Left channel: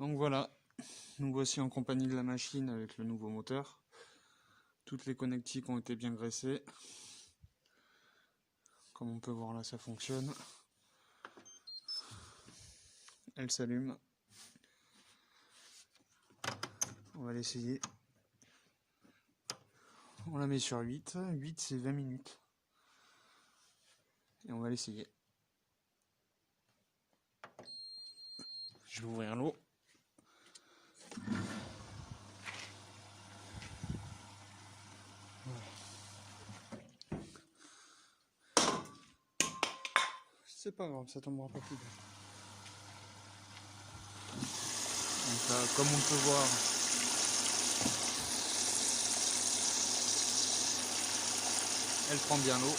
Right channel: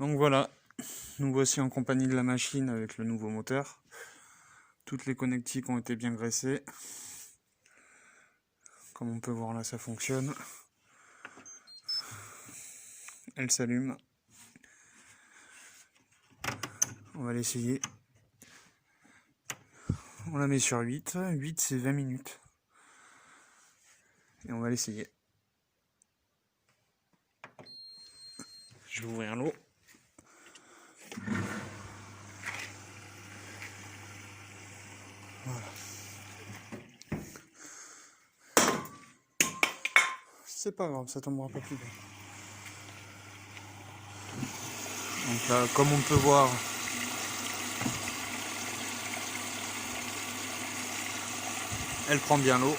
Donc voilà, nous voici en compagnie de la machine avec le nouveau moteur. Toutes les connectiques ont été bien graissées. Comme on peut voir là, ça fonctionne. Elle s'allume. On va l'essayer. On la met sur 8. 8 c'est 20 minutes. Et on va l'essayer. Je vais ouvrir l'eau. Voilà. C'est pas grave, ça tombera pas plus bas. Donc là, comme on peut voir, elle prend bien l'eau.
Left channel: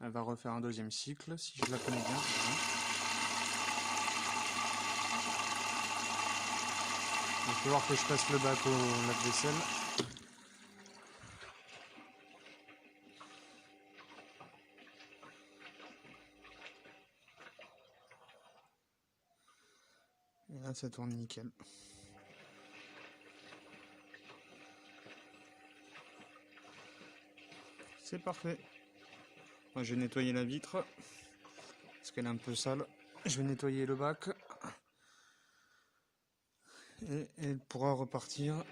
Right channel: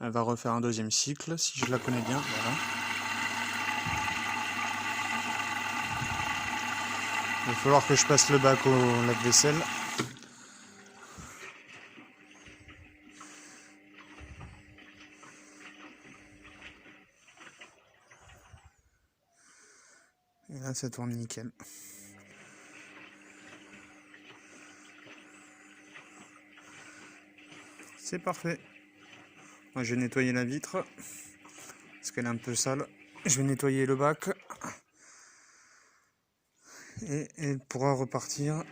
Elle va refaire un deuxième cycle, si je la connais bien. Voilà. Il va falloir que je passe le bac au lave-vaisselle. Et là, ça tourne nickel. C'est parfait. Moi, je vais nettoyer la vitre parce qu'elle est un peu sale. Je vais nettoyer le bac et elle pourra repartir.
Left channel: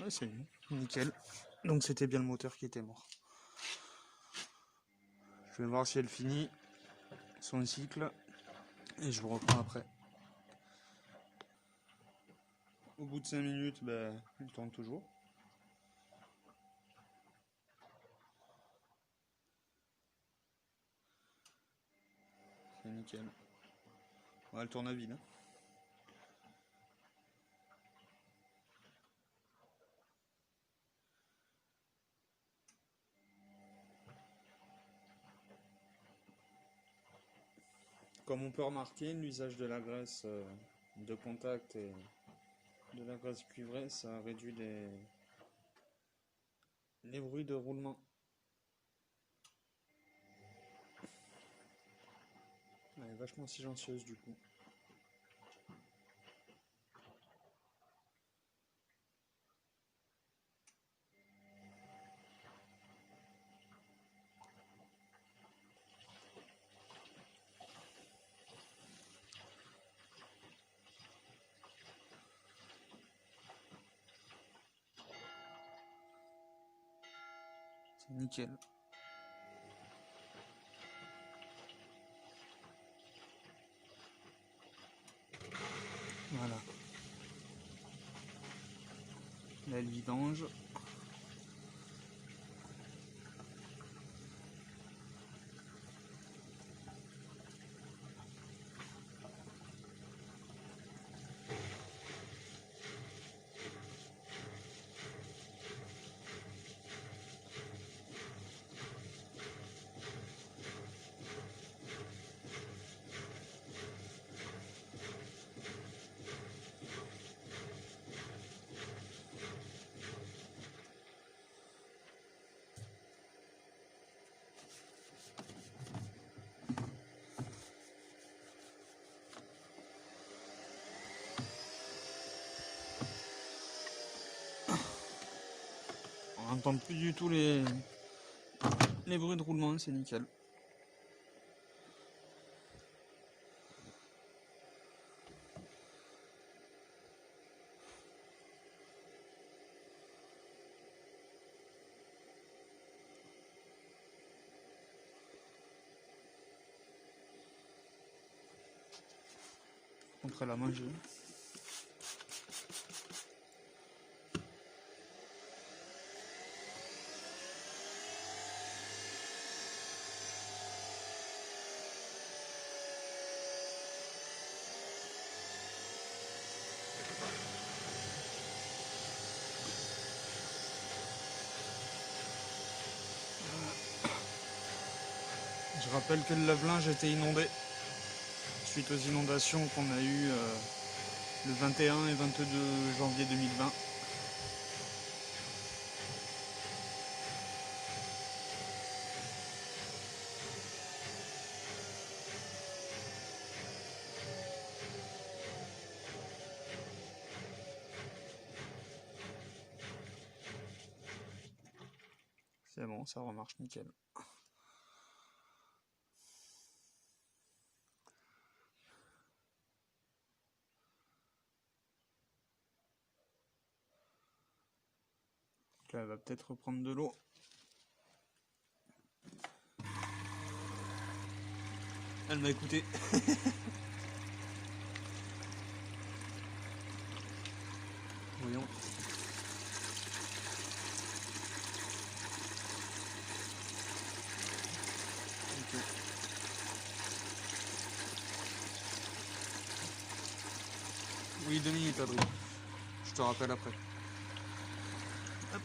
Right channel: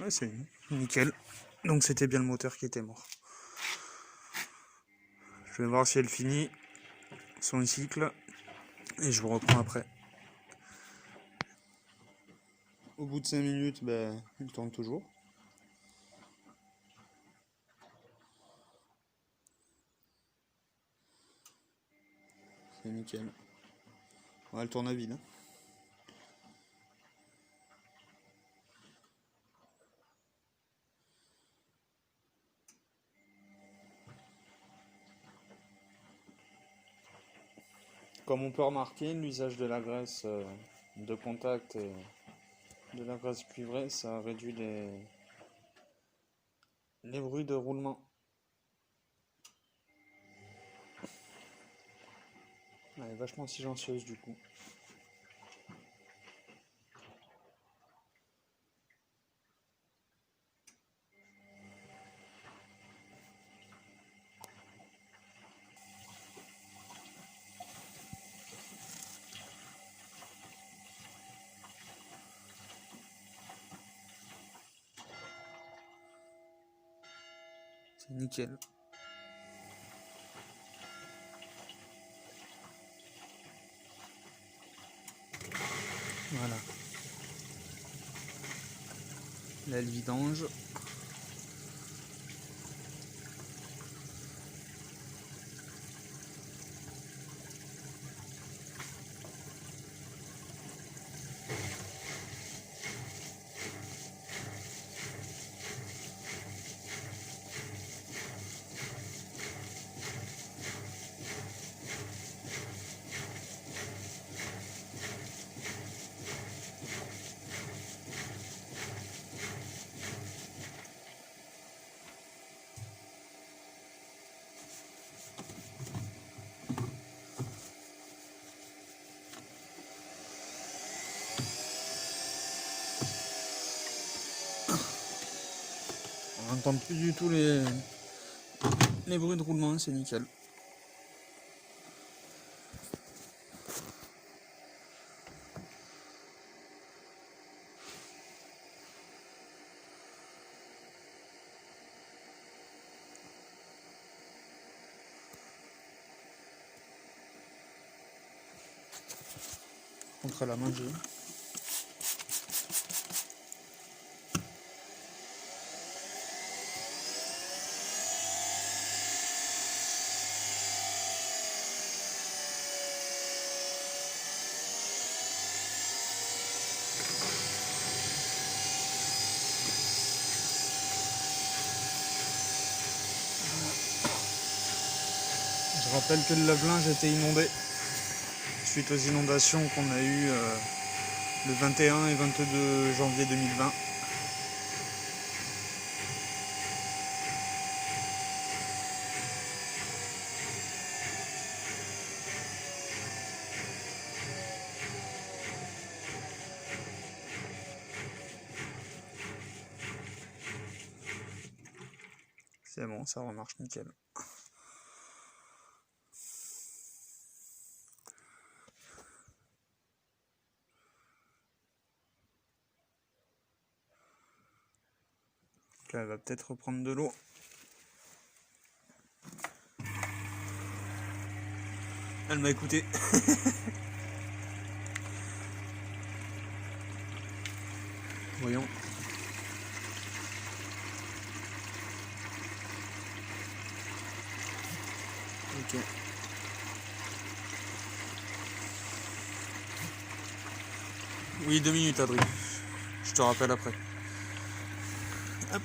Ouais, c'est nickel. Donc c'était bien le moteur qui était mort. Je vais voir si elle finit son cycle et je vous reprends après. Au bout de 5 minutes, il tourne toujours. C'est nickel. Ouais, elle tourne à vide. Comme on peut remarquer, l'usage de la graisse de contact et de la graisse cuivrée, ça réduit les bruits de roulement. Elle est vachement silencieuse du coup. C'est nickel. Voilà. Là, le vidange. On n'entend plus du tout les bruits de roulement, c'est nickel. Contre la manger. Je rappelle que le lave-linge était inondé suite aux inondations qu'on a eues le 21 et 22 janvier 2020. C'est bon, ça remarche nickel. Donc là, elle va peut-être reprendre de l'eau. Elle m'a écouté. Voyons. Ok. Oui, 2 minutes, Adrien. Je te rappelle après. Hop.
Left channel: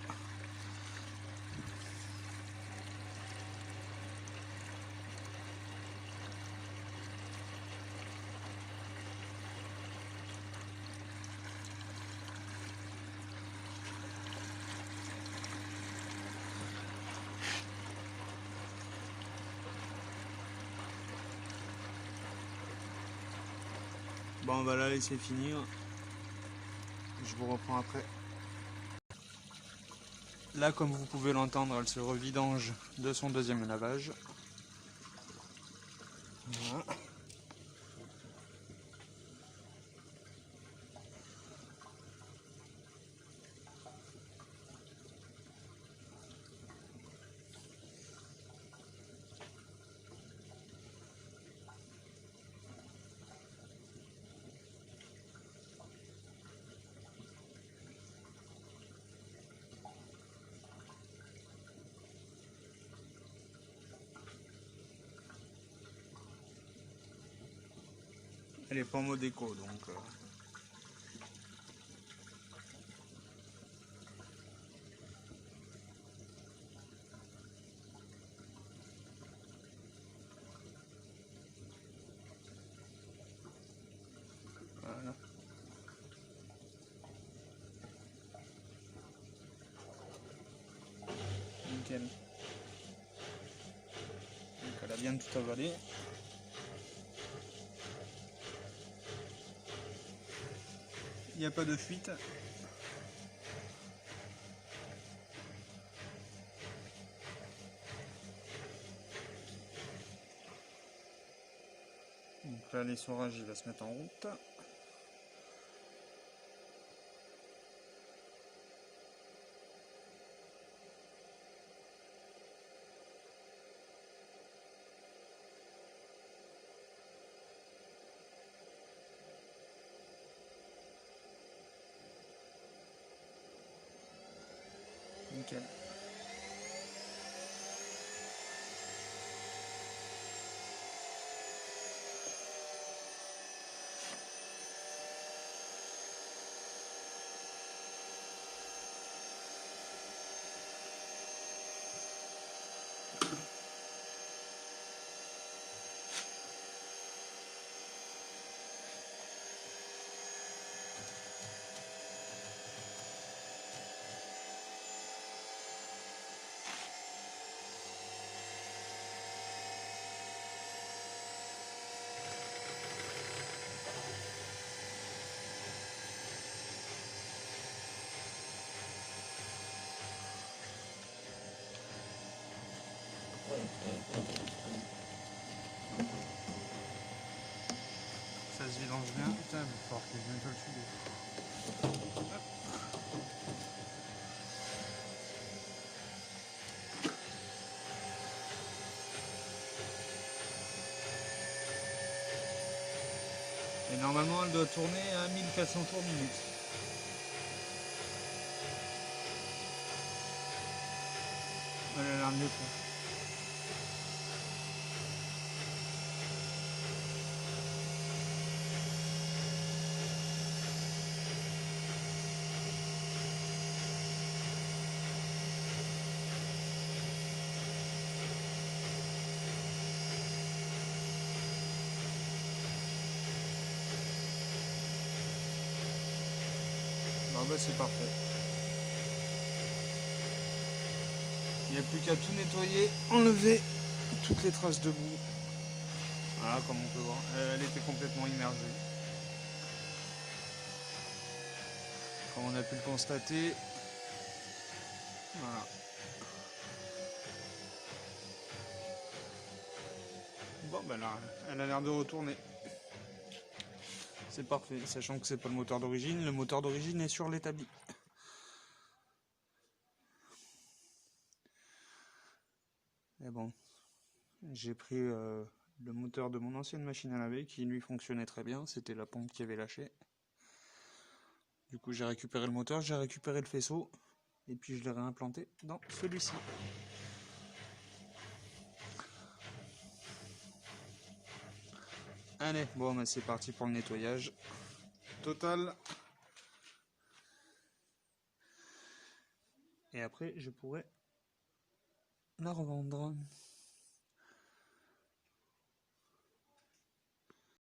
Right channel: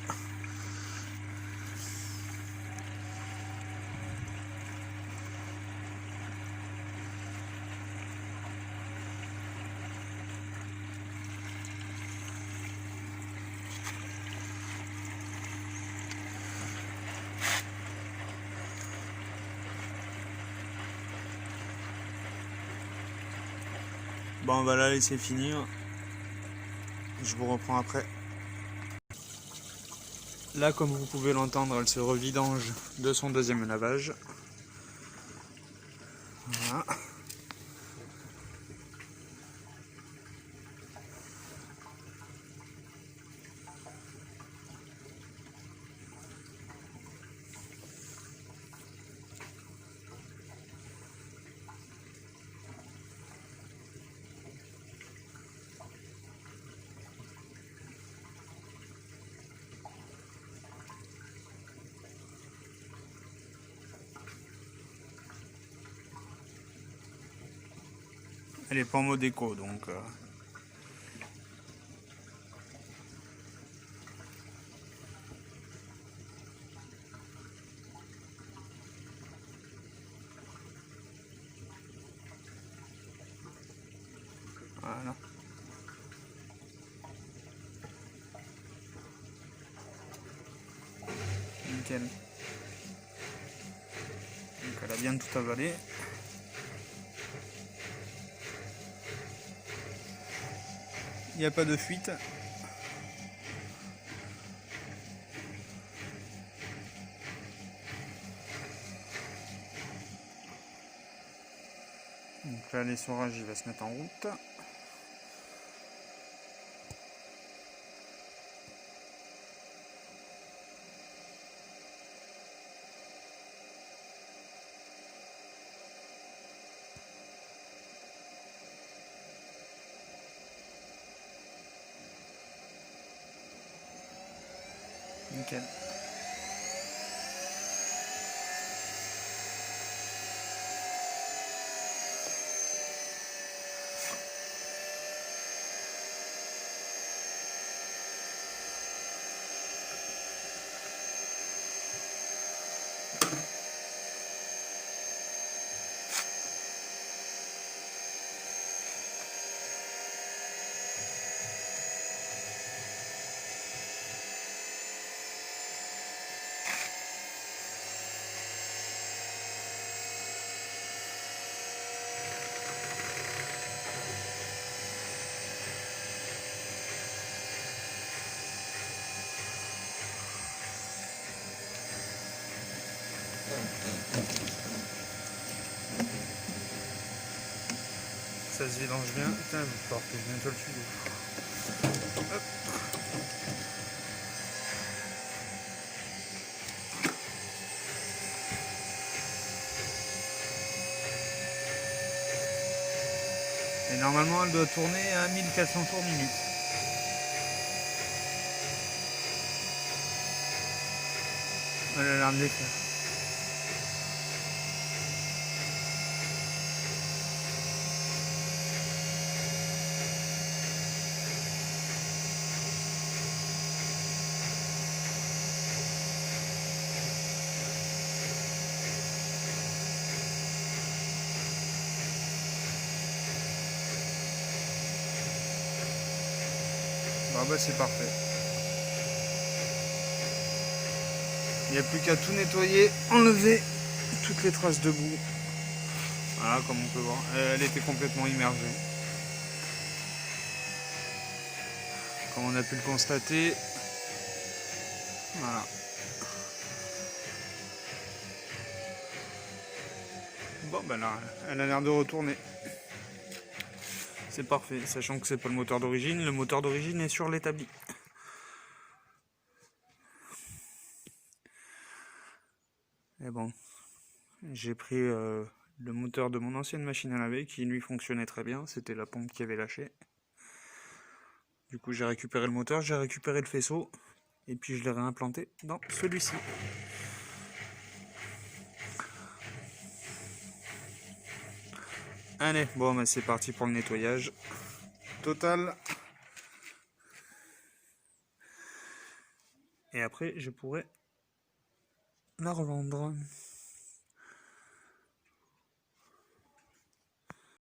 Bon, on va la laisser finir. Je vous reprends après. Là, comme vous pouvez l'entendre, elle se revidange de son deuxième lavage. Voilà. Elle est pas en mode éco, donc... Voilà. Nickel. Donc elle a bien tout avalé. Il n'y a pas de fuite. Donc là, l'essorage il va se mettre en route. Nickel. Ça se vidange bien. Putain, il va falloir que je nettoie le tuyau. Hop. Et normalement, elle doit tourner à 1400 tours minute. Elle a l'air de les faire. Ah bah c'est parfait. Il n'y a plus qu'à tout nettoyer, enlever toutes les traces de boue. Voilà, comme on peut voir, elle était complètement immergée. Comme on a pu le constater. Voilà. Bon ben là, elle a l'air de retourner. C'est parfait, sachant que c'est pas le moteur d'origine. Le moteur d'origine est sur l'établi. Et bon, j'ai pris le moteur de mon ancienne machine à laver qui lui fonctionnait très bien. C'était la pompe qui avait lâché. Du coup, j'ai récupéré le moteur, j'ai récupéré le faisceau. Et puis je l'ai réimplanté dans celui-ci. Allez, bon, bah, c'est parti pour le nettoyage total. Et après, je pourrais la revendre.